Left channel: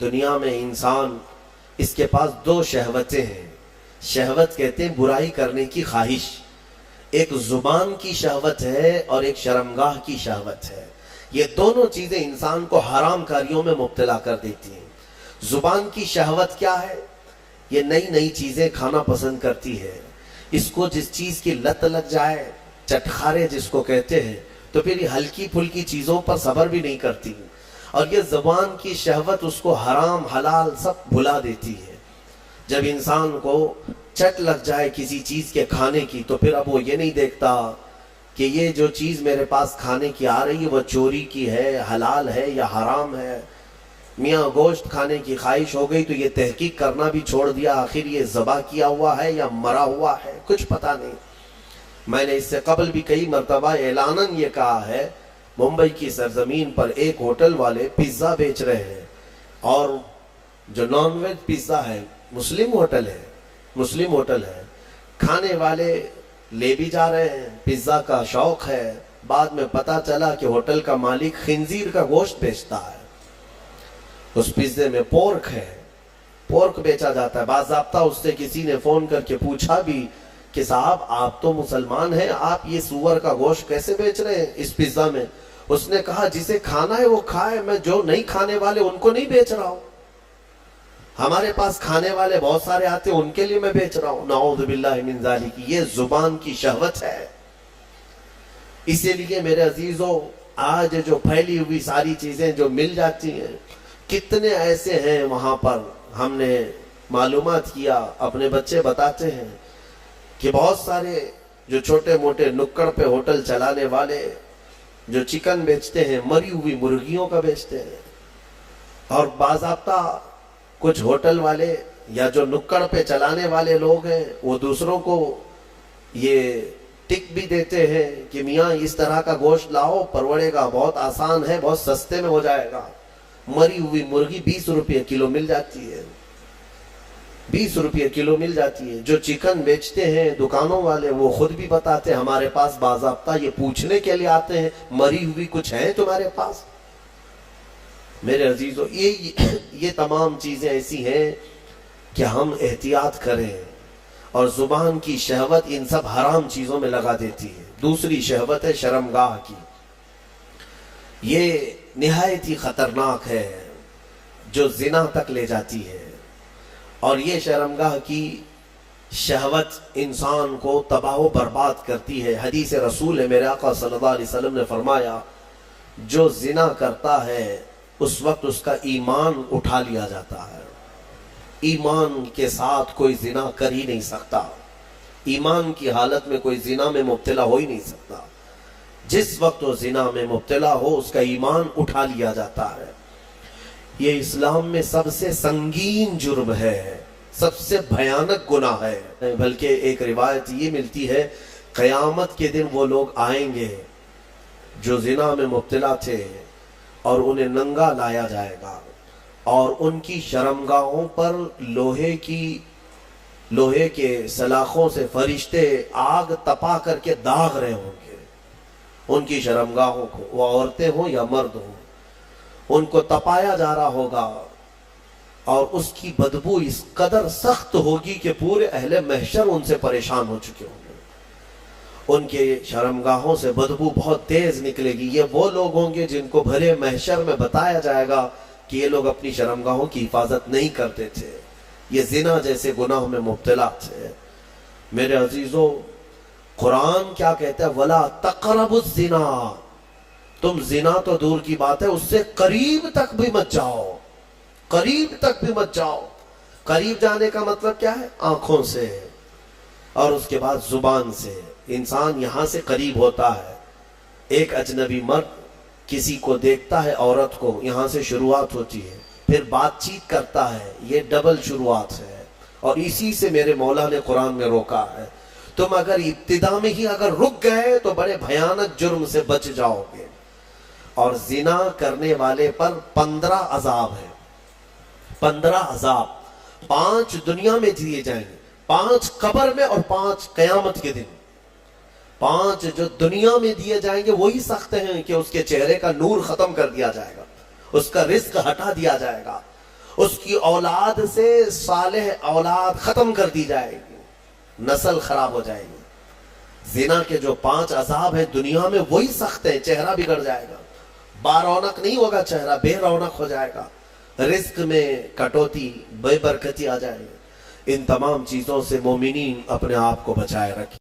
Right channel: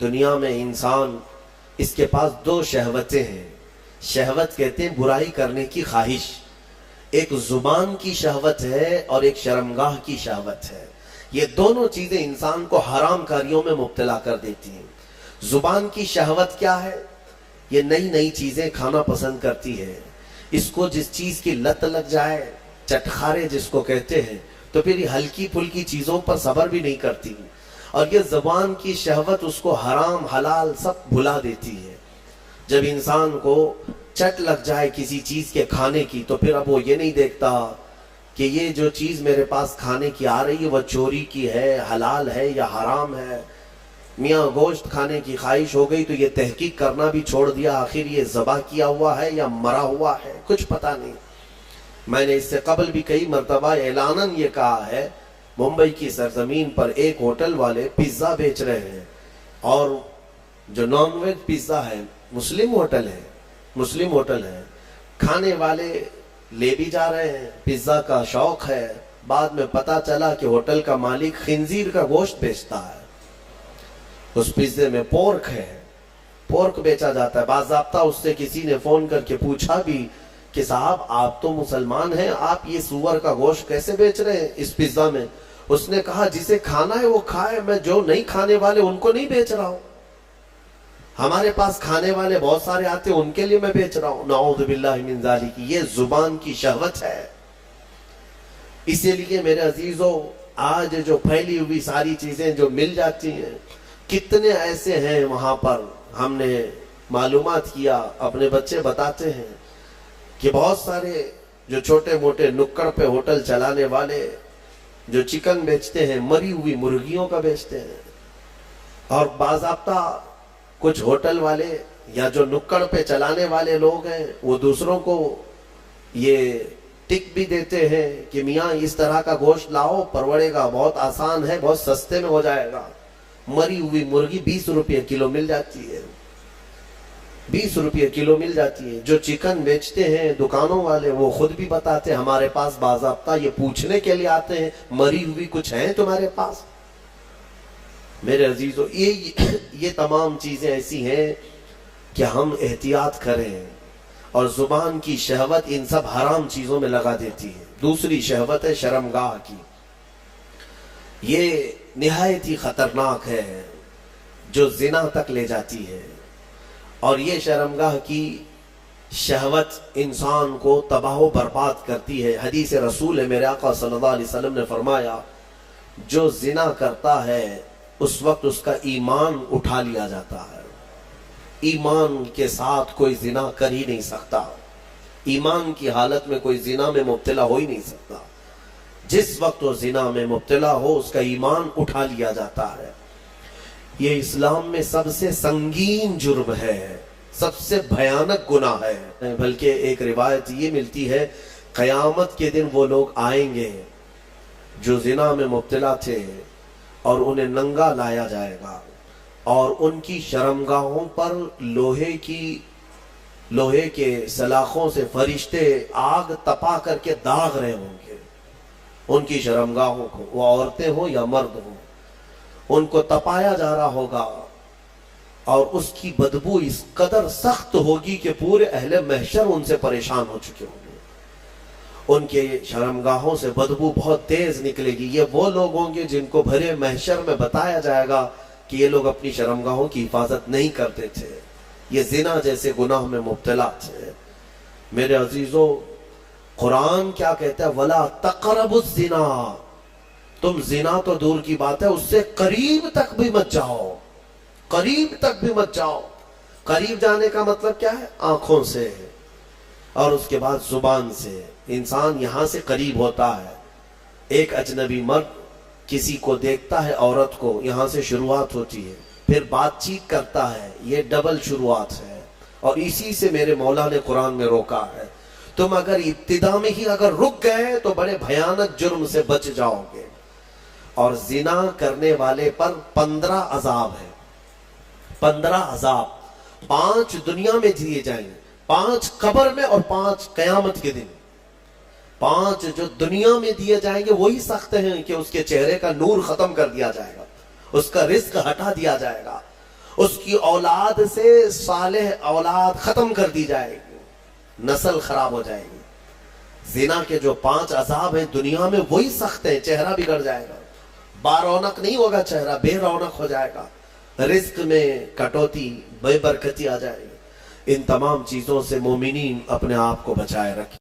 دنیا میں انسان اس کے پاس دو شہوتیں ہیں. شہوت کہتے ہیں برائی کرنے کی خواہش. ایک زبان کی شہوت ہے اور ایک شرمگاہ کی شہوت ہے. یہ دونوں چیزیں انسان کو حرام کاریوں میں مبتلا کر دیتی ہیں. زبان کی شہوت کیا ہے؟ یہ نئی نئی چیزیں کھانا پسند کرتی ہے. اس کو جس چیز کی لت لگ جائے، چٹخارے جس کو کہتے ہیں، تو پھر یہ ہلکی پھلکی چیزوں پر صبر بھی نہیں کرتی. اور یہ زبان کی شہوت اس کو حرام حلال سب بھلا دیتی ہے. جب انسان کو چٹ لگ جائے کسی چیز کے کھانے کی، تو پھر اب وہ یہ نہیں دیکھتا کہ یہ جو چیز میرے پاس کھانے کی آ رہی ہے وہ چوری کی ہے، حلال ہے یا حرام ہے. میاں گوشت کھانے کی خواہش ہو گئی تو یہ تحقیق کرنا بھی چھوڑ دیا، آخر یہ ذبح کیا ہوا ہے یا مرا ہوا ہے، کچھ پتہ نہیں. میں نے اس سے قبل بھی کئی مرتبہ اعلاناً یہ کہا ہے، ممبئی کی سرزمین پر ایک ہوٹل والے پیزا بیچ رہے ہیں، اور جو نان ویج پیزا ہے مسلم ہوٹل ہے، کھانے والے لے بھی جا رہے ہیں، پیزا کا شوق ہے. بعد میں پتا چلا کہ ہوٹل کا مالک خنزیر کا گوشت بیچتا ہے. اس پیزے میں پورک بیچا جاتا ہے. باضابطہ اس سے کسی نے فون کر کے پوچھا بھی کہ صاحب آپ تو مسلمان ہیں، آپ یہ سور کا گوشت کیسے بیچ رہے ہیں اس پیزا میں؟ اس نے کہا جسے کھانا ہے وہ کھائے، میں جو نہیں کھانے والے ان کو نہیں بیچ رہا ہوں. ہمارے پاس کھانے والے بہت سارے آتے ہیں، ان کے لیے میں بیچ رہا ہوں. نعوذ باللہ من ذالک. یہ زبان کی شہوت ہے. اسی لیے میرے عزیزوں، آج جو پھیلی ہوئی ساری چیزیں جو مل جاتی ہیں، کتنے ایسے ہیں وہاں پر. ہم نے معلومات کیا، اپنے بچے بتاتے ہیں کہ بہت سارے جو چھوٹے موٹے نکڑ پہ ہوٹل چلانے والے جو چکن بیچتے ہیں، مری ہوئی مرغیوں کا بیچتے ہیں. اور باضابطہ کچھ ہوٹل والے یا جو نکڑ پہ چلانے والے لوگ ہیں، وہ دوسروں کو یہ ٹک بھی دیتے ہیں کہ میاں اس طرح کا گوشت لاؤ، پروڑے گا، بہت آسان ہے، بہت سستے میں ہو جائے گا. مری ہوئی مرغی 20 روپے کلو مل جاتی ہے. 20 روپے کلو مل جاتی ہے. جو چکن بیچتے ہیں دکانوں والے، وہ خود بھی بتاتے ہیں ہمارے پاس باضابطہ یہ پوچھنے کے لیے آتے ہیں، مری ہوئی کچھ ہیں تمہارے پاس؟ میرے عزیزو، یہ تمام چیزیں ایسی ہیں کہ ہم احتیاط کریں. اور زبان کی شہوت ان سب حرام چیزوں میں لگا دیتی ہے. دوسری شہوت ہے شرمگاہ کی. یہ نہایت ہی خطرناک ہے، جو زنا تک لے جاتی ہے. اور یہ شرمگاہ کی شہوت انسان کو تباہ و برباد کرتی ہے. حدیث رسول ہے، میرے آقا صلی اللہ علیہ وسلم نے فرمایا، جو زنا کرتا ہے اس وقت اس کا ایمان اٹھا لیا جاتا ہے. ایمان کے ساتھ کوئی زنا کر ہی نہیں سکتا. ایمان کی حالت میں کوئی زنا میں مبتلا ہو ہی نہیں سکتا. جس وقت وہ زنا میں مبتلا ہو اس کا ایمان اٹھا لیا جاتا ہے. یہ اسلام میں سب سے سنگین جرم ہے، سب سے بھیانک گناہ ہے. بلکہ ایک روایت یہ ملتی ہے، قیامت کے دن وہ لوگ آئیں گے جو زنا میں مبتلا تھے، اور انہیں ننگا لایا جائے گا، اور ان کی شرمگاہوں پر لوہے کے سلاخوں سے فرشتے آگ تپا کر کے داغ رہے ہوں گے ان کی شرمگاہوں کو. وہ عورتیں ہوں یا مرد ہوں، ان کو تپایا جا رہا ہوگا، اور اس کی بدبو اس قدر سخت ہوگی کہ پورے اہل محشر ان سے پریشان ہو چکے ہوں گے. ان کے شرمگاہوں سے بدبو بہت تیز نکلے گی. یہ وہ لوگ ہوں گے جن کو بھرے محشر میں بتایا جائے گا کہ یہ لوگ اپنی شرمگاہوں کی حفاظت نہیں کرتے تھے، یہ زنا جیسے گناہ میں مبتلا تھے. میرے عزیزو، قرآن کیا کہتا ہے؟ وَلَا تَقْرَبُوا الزِّنَا. تم زنا تو دور کی بات ہے، اس سے قریب تک بھی مت جاؤ. قریب تک بھی مت جاؤ. قریب جانے کا مطلب کیا ہے؟ آنکھوں سے، اور اس کے بعد زبان سے. انسان یہاں سے قریب ہوتا ہے. ایک اجنبی مرد کسی کو دیکھتا ہے، عورت کو، یہاں سے شروعات ہوتی ہے، پھر بات چیت کرتا ہے، یہ ڈبل شروعات ہے. اور اسی سے میرے مولا نے قرآن میں روکا ہے. تم اگر ابتدا میں ہی اگر رک گئے تو بڑے بھیانک جرم سے بچ جاؤ گے. اور زنا کرنے والے پر 15 عذاب ہے. 15 عذاب، 5 دنیا میں دیے جائیں گے، 5 قبر میں، اور 5 قیامت کے دن. 5 جو دنیا میں دیے جائیں گے وہی سخت ہیں کہ اس کے چہرے کا نور ختم کر دیا جائے گا، اس کا رزق ہٹا دیا جائے گا، اس کی اولاد سے صالح اولاد ختم کر دی جائے گی، نسل خراب ہو جائے گی۔ زنا کے جو 5 عذاب ہیں دنیا میں وہی سخت ہیں، چہرہ بگڑ جائے گا، بارونق نہیں ہوگا، چہرہ بے رونق ہو جائے گا، رزق میں کٹوتی، بے برکتی آ جائے گی۔ ان تمام چیزوں سے مومنین اپنے آپ کو بچائے رکھیں۔